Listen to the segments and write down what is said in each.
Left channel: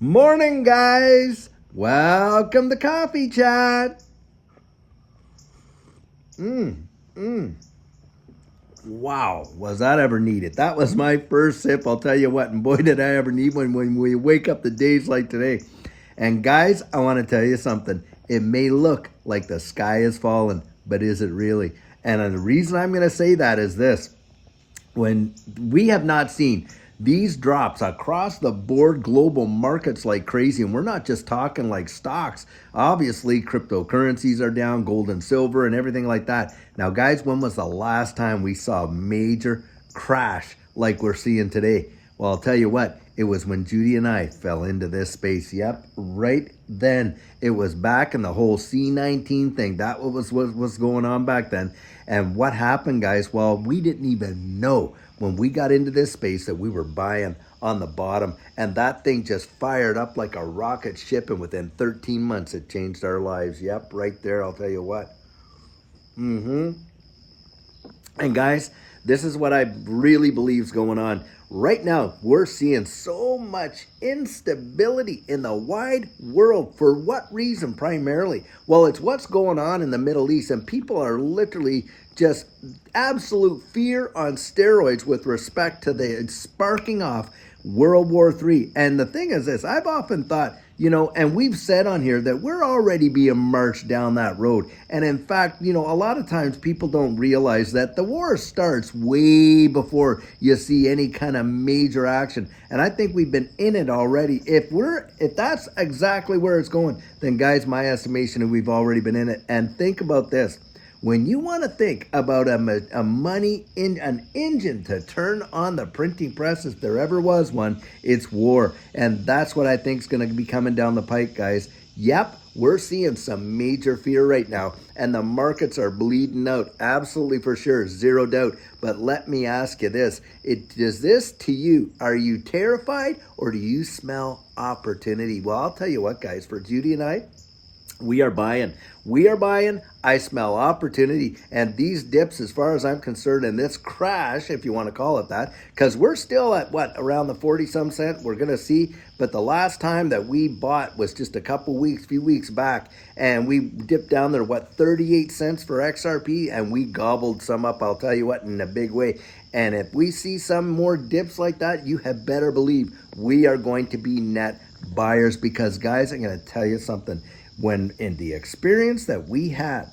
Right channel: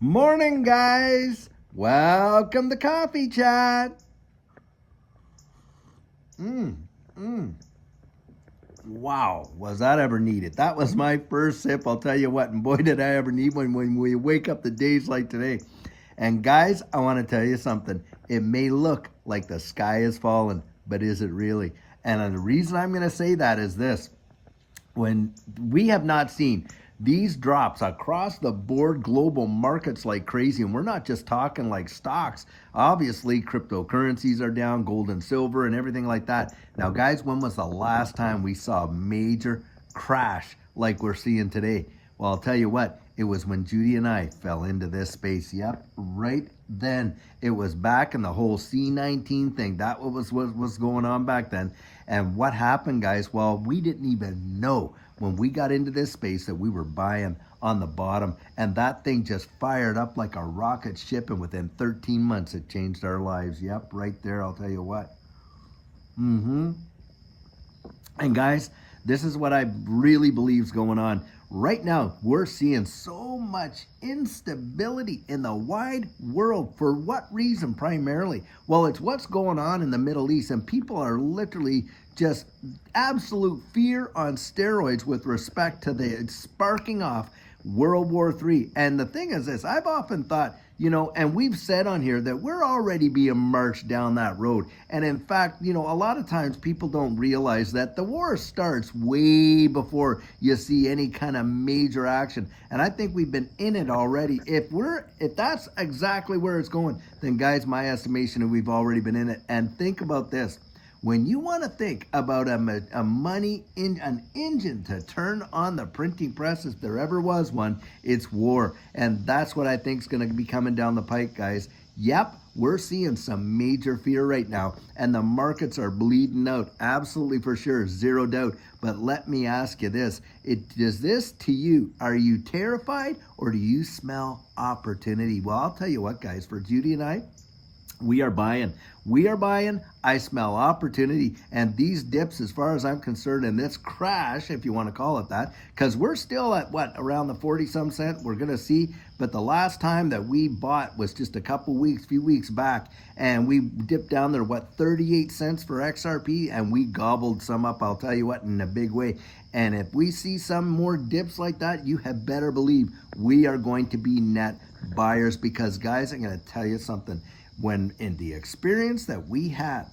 Morning, guys. Welcome to Coffee Chat. Mmm, mmm. Wow, was that ever needed? That was my first sip, I'll tell you what. And boy, did I ever need one when we wake up the days like today. And guys, I want to tell you something. It may look like the sky is falling, but is it really? And the reason I'm going to say that is this: when we have not seen these drops across the board global markets like crazy, and we're not just talking like stocks. Obviously cryptocurrencies are down, gold and silver and everything like that. Now guys, when was the last time we saw a major crash like we're seeing today? Well, I'll tell you what, it was when Judy and I fell into this space. Yep, right then. It was back in the whole C19 thing. That was going on back then. And what happened, guys? Well, we didn't even know when we got into this space that we were buying on the bottom. And that thing just fired up like a rocket ship. And within 13 months, it changed our lives. Yep, right there. I'll tell you what. Mm-hmm. And guys, this is what I really believe is going on. Right now, we're seeing so much instability in the wide world. For what reason primarily? Well, it's what's going on in the Middle East, and people are literally just absolute fear on steroids with respect to the sparking off World War III. And the thing is this, I've often thought, and we've said on here that we're already being marched down that road. And in fact, a lot of times people don't realize that the war starts way before you see any kind of major action. And I think we've been in it already. If that's exactly where it's going, then guys, my estimation is we've already been in it. And think about this. When you want to think about an engine to turn on the printing press, if there ever was one, it's war. And that's what I think is going to be coming down the pike, guys. Yep, we're seeing some major fear right now, and the markets are bleeding out. Absolutely, for sure, zero doubt. But let me ask you this. Does this to you, are you terrified or do you smell opportunity? Well, I'll tell you what, guys, for Judy and I, we are buying. I smell opportunity. And these dips, as far as I'm concerned, and this crash, if you want to call it that, because we're still at around the 40-some cent. We're going to see. But the last time that we bought was just a few weeks back. And we dipped down there, 38 cents for XRP. And we gobbled some up, I'll tell you what, in a big way. And if we see some more dips like that, you had better believe we are going to be net buyers. Because, guys, I'm going to tell you something. When in the experience that we had,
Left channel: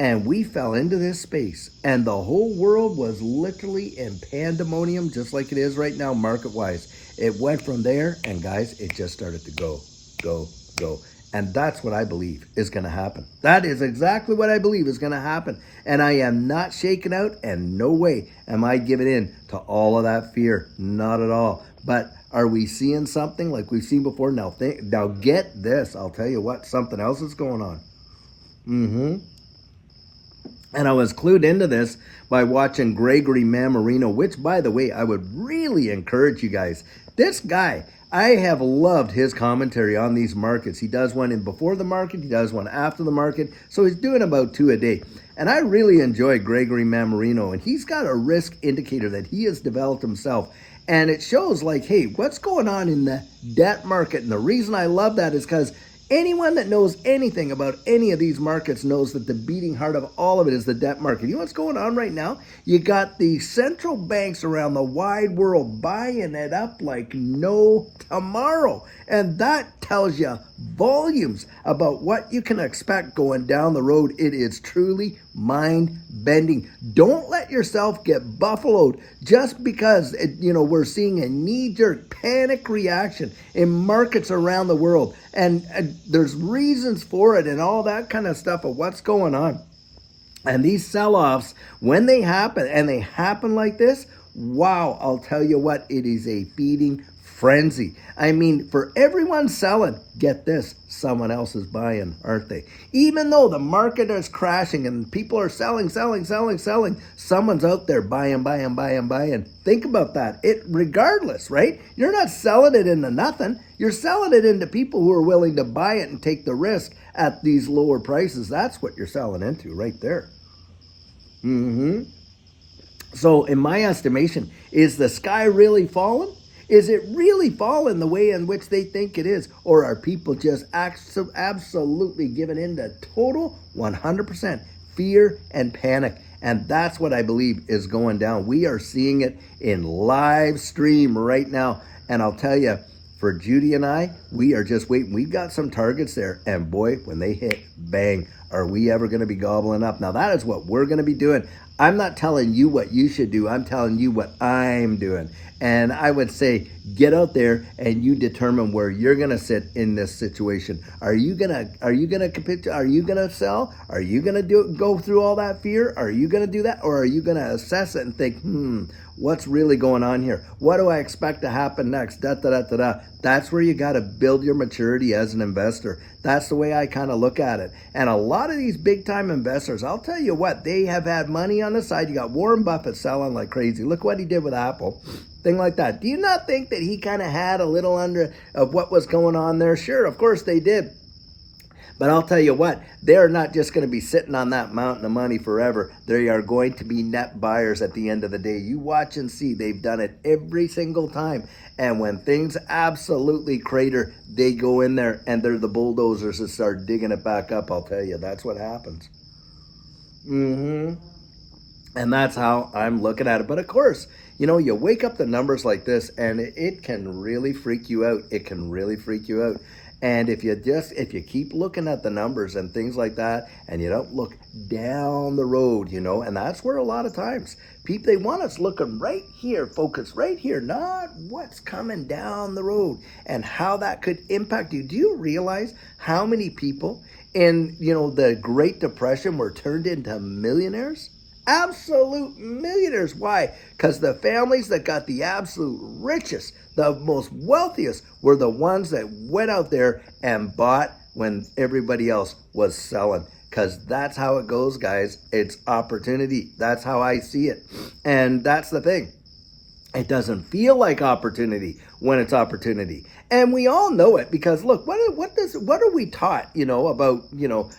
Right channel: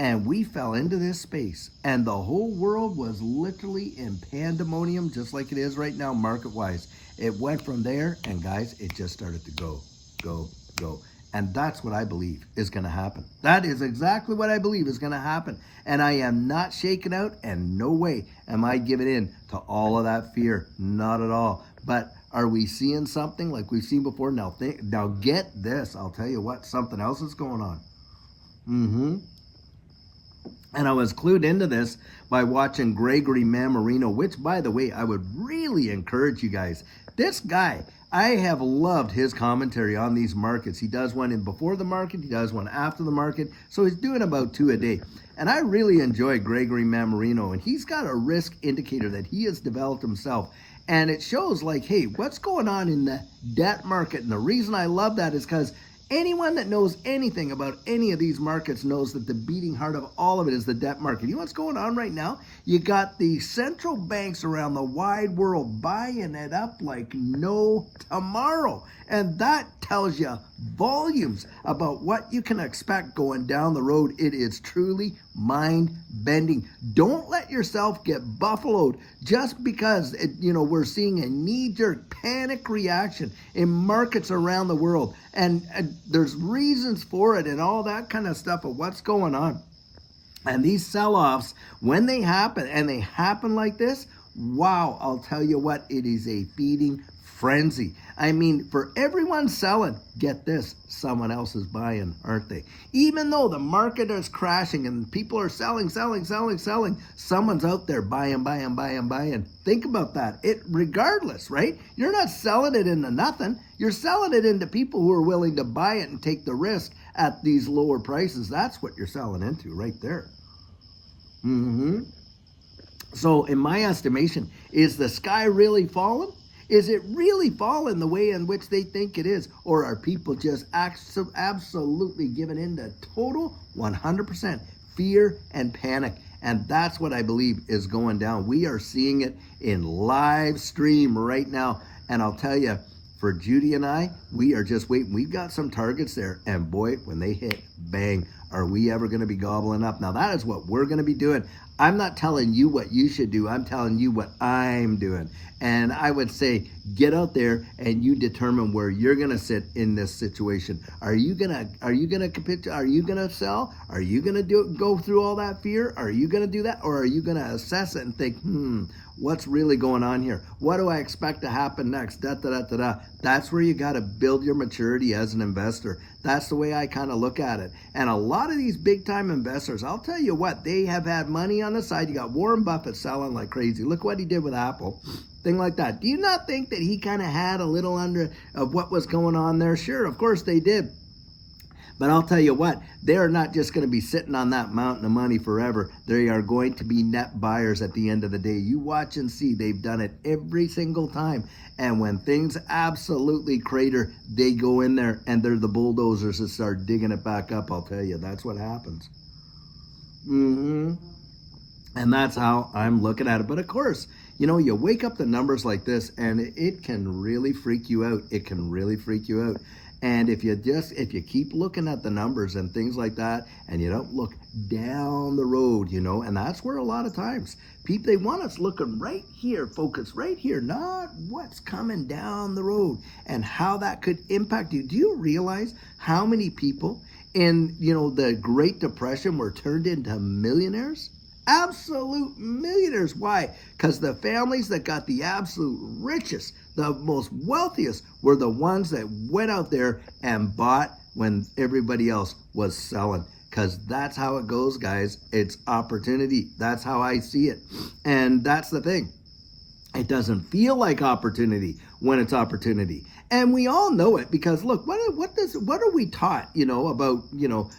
and we fell into this space, and the whole world was literally in pandemonium, just like it is right now, market-wise. It went from there, and guys, it just started to go, go, go. And that's what I believe is going to happen. That is exactly what I believe is going to happen. And I am not shaken out, and no way am I giving in to all of that fear. Not at all. But are we seeing something like we've seen before? Now get this. I'll tell you what, something else is going on. And I was clued into this by watching Gregory Mammarino, which, by the way, I would really encourage you guys. This guy, I have loved his commentary on these markets. He does one in before the market, he does one after the market. So he's doing about 2 a day. And I really enjoy Gregory Mammarino. And he's got a risk indicator that he has developed himself. And it shows like, hey, what's going on in the debt market? And the reason I love that is because anyone that knows anything about any of these markets knows that the beating heart of all of it is the debt market. You know what's going on right now? You got the central banks around the wide world buying it up like no tomorrow. And that tells you volumes about what you can expect going down the road. It is truly mind-bending. Don't let yourself get buffaloed just because we're seeing a knee-jerk panic reaction in markets around the world. And there's reasons for it and all that kind of stuff of what's going on. And these sell-offs, when they happen, and they happen like this, wow, I'll tell you what, it is a feeding frenzy. I mean, for everyone selling, get this, someone else is buying, aren't they? Even though the market is crashing and people are selling, someone's out there buying. Think about that. Regardless, right? You're not selling it into nothing. You're selling it into people who are willing to buy it and take the risk at these lower prices. That's what you're selling into right there. So in my estimation, is the sky really falling? Is it really falling the way in which they think it is? Or are people just absolutely giving in to total 100% fear and panic? And that's what I believe is going down. We are seeing it in live stream right now. And I'll tell you, for Judy and I, we are just waiting. We've got some targets there. And boy, when they hit, bang, are we ever going to be gobbling up? Now, that is what we're going to be doing. I'm not telling you what you should do. I'm telling you what I'm doing. And I would say, get out there and you determine where you're going to sit in this situation. Are you going to capitulate? Are you going to sell? Are you going to go through all that fear? Are you going to do that? Or are you going to assess it and think, what's really going on here? What do I expect to happen next? That's where you got to build your maturity as an investor. That's the way I kind of look at it. And a lot of these big time investors, I'll tell you what, they have had money on the side. You got Warren Buffett selling like crazy. Look what he did with Apple. Thing like that. Do you not think that he kind of had a little under of what was going on there? Sure, of course they did. But I'll tell you what, they're not just going to be sitting on that mountain of money forever. They are going to be net buyers at the end of the day. You watch and see. They've done it every single time. And when things absolutely crater, they go in there and they're the bulldozers that start digging it back up. I'll tell you, that's what happens. And that's how I'm looking at it. But of course, you know, you wake up the numbers like this and it can really freak you out. It can really freak you out. And if you keep looking at the numbers and things like that, and you don't look down the road, you know, and that's where a lot of times people, they want us looking right here, focus right here, not what's coming down the road and how that could impact you. Do you realize how many people in, you know, the Great Depression were turned into millionaires? Absolute millionaires. Why? Because the families that got the absolute richest, the most wealthiest, were the ones that went out there and bought when everybody else was selling. Because that's how it goes, guys. It's opportunity. That's how I see it. And that's the thing. It doesn't feel like opportunity when it's opportunity. And we all know it because, look, what are we taught, you know, about, you know,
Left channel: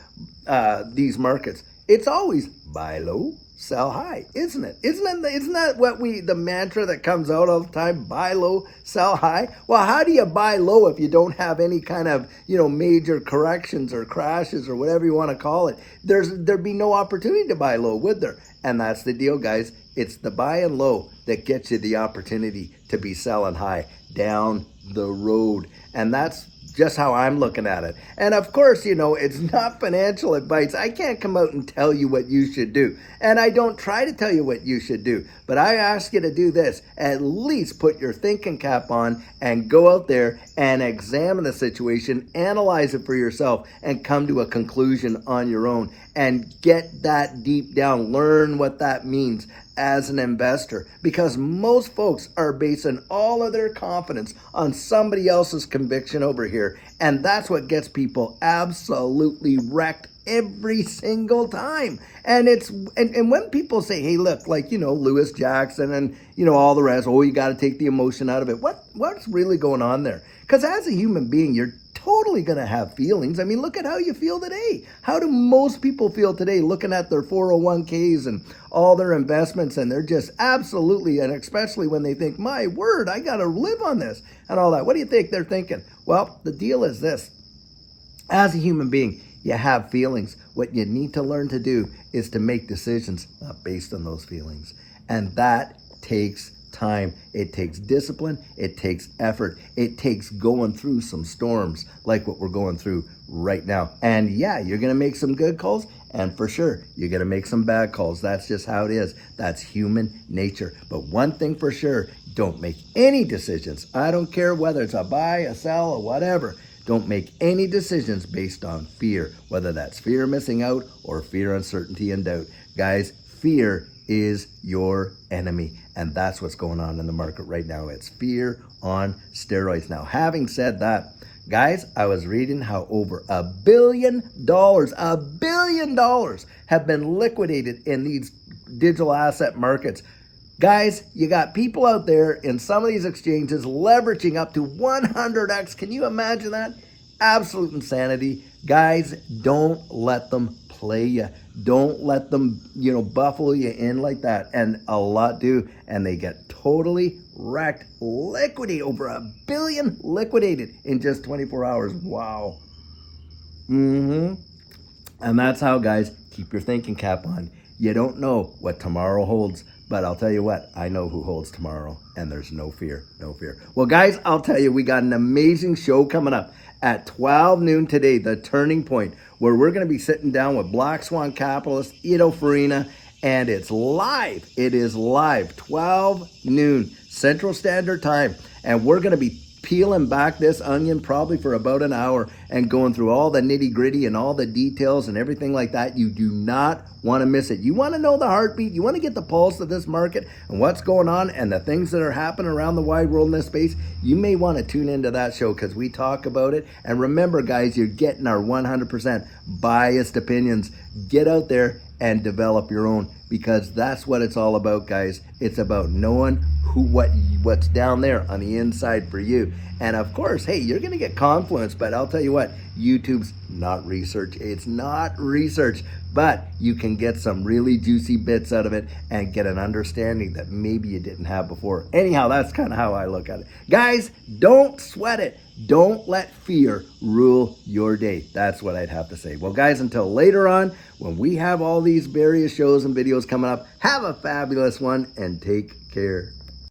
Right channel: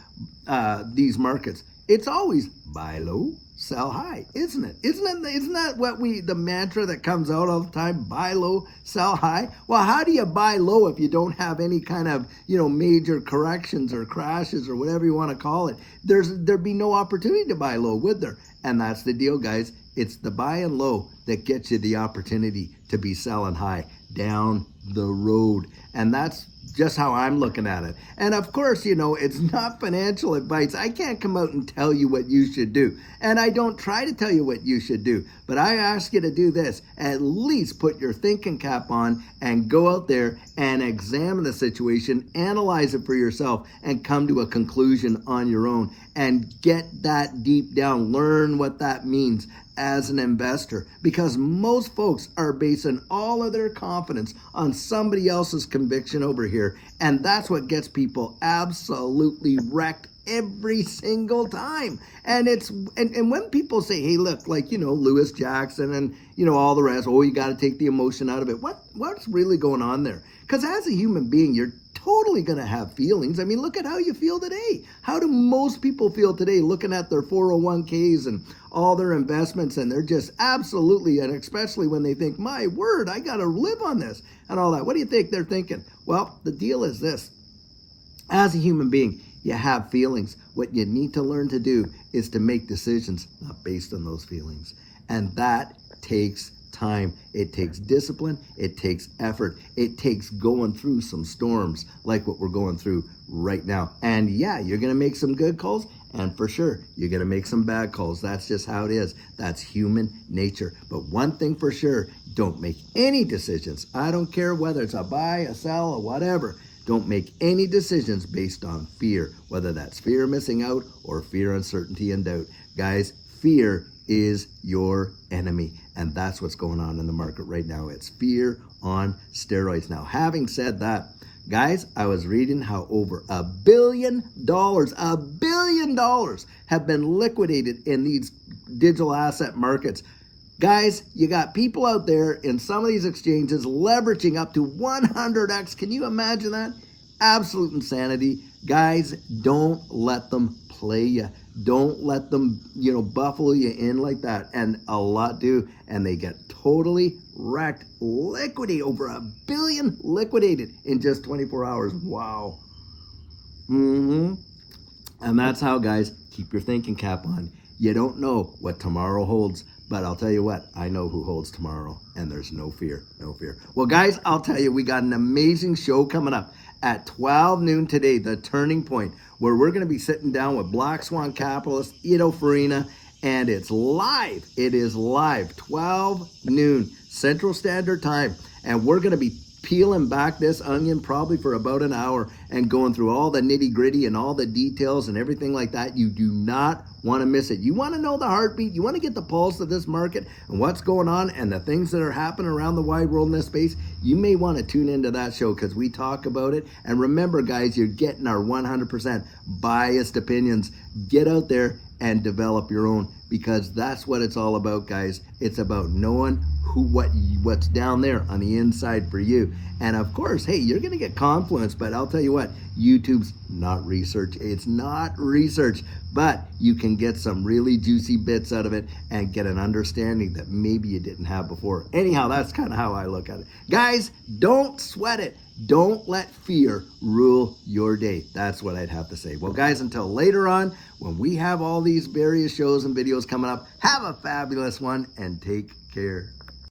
these markets? It's always buy low, sell high, isn't it? Isn't that what the mantra that comes out all the time? Buy low, sell high. Well, how do you buy low if you don't have any kind of, you know, major corrections or crashes or whatever you want to call it? There'd be no opportunity to buy low, would there? And that's the deal, guys. It's the buying low that gets you the opportunity to be selling high down the road. And that's just how I'm looking at it. And of course, you know, it's not financial advice. I can't come out and tell you what you should do. And I don't try to tell you what you should do. But I ask you to do this. At least put your thinking cap on and go out there and examine the situation, analyze it for yourself, and come to a conclusion on your own. And get that deep down. Learn what that means as an investor, because most folks are basing all of their confidence on somebody else's conviction over here, and that's what gets people absolutely wrecked every single time. And it's and when people say, hey, look, like, you know, Lewis Jackson and, you know, all the rest, oh, you got to take the emotion out of it. What's really going on there? Because as a human being, you're totally going to have feelings. I mean, look at how you feel today. How do most people feel today looking at their 401ks and all their investments, and they're just absolutely, and especially when they think, my word, I got to live on this and all that. What do you think they're thinking? Well, the deal is this. As a human being, you have feelings. What you need to learn to do is to make decisions not based on those feelings. And that takes time. It takes discipline. It takes effort. It takes going through some storms like what we're going through right now. And yeah, you're going to make some good calls, and for sure, you're going to make some bad calls. That's just how it is. That's human nature. But one thing for sure, don't make any decisions. I don't care whether it's a buy, a sell, or whatever. Don't make any decisions based on fear, whether that's fear of missing out or fear, uncertainty, and doubt. Guys, fear is your enemy. And that's what's going on in the market right now. It's fear on steroids. Now, having said that, guys, I was reading how over $1 billion have been liquidated in these digital asset markets. Guys, you got people out there in some of these exchanges leveraging up to 100x. Can you imagine that? Absolute insanity. Guys, don't let them play you. Don't let them, you know, buffalo you in like that. And a lot do. And they get totally wrecked, liquidate over $1 billion liquidated in just 24 hours. Wow. And that's how, guys, keep your thinking cap on. You don't know what tomorrow holds, but I'll tell you what, I know who holds tomorrow, and there's no fear, no fear. Well, guys, I'll tell you, we got an amazing show coming up at 12 noon today, The Turning Point, where we're going to be sitting down with Black Swan capitalist Ido Farina, and it's live. It is live, 12 noon Central Standard Time, and we're going to be peeling back this onion probably for about an hour and going through all the nitty gritty and all the details and everything like that. You do not want to miss it. You want to know the heartbeat. You want to get the pulse of this market and what's going on and the things that are happening around the wide world in this space. You may want to tune into that show because we talk about it. And remember, guys, you're getting our 100% biased opinions. Get out there and develop your own, because that's what it's all about, guys. It's about knowing what's down there on the inside for you. And of course, hey, you're gonna get confluence, but I'll tell you what, YouTube's not research. It's not research, but you can get some really juicy bits out of it and get an understanding that maybe you didn't have before. Anyhow, that's kind of how I look at it. Guys, don't sweat it. Don't let fear rule your day. That's what I'd have to say. Well, guys, until later on, when we have all these various shows and videos coming up, have a fabulous one and take care.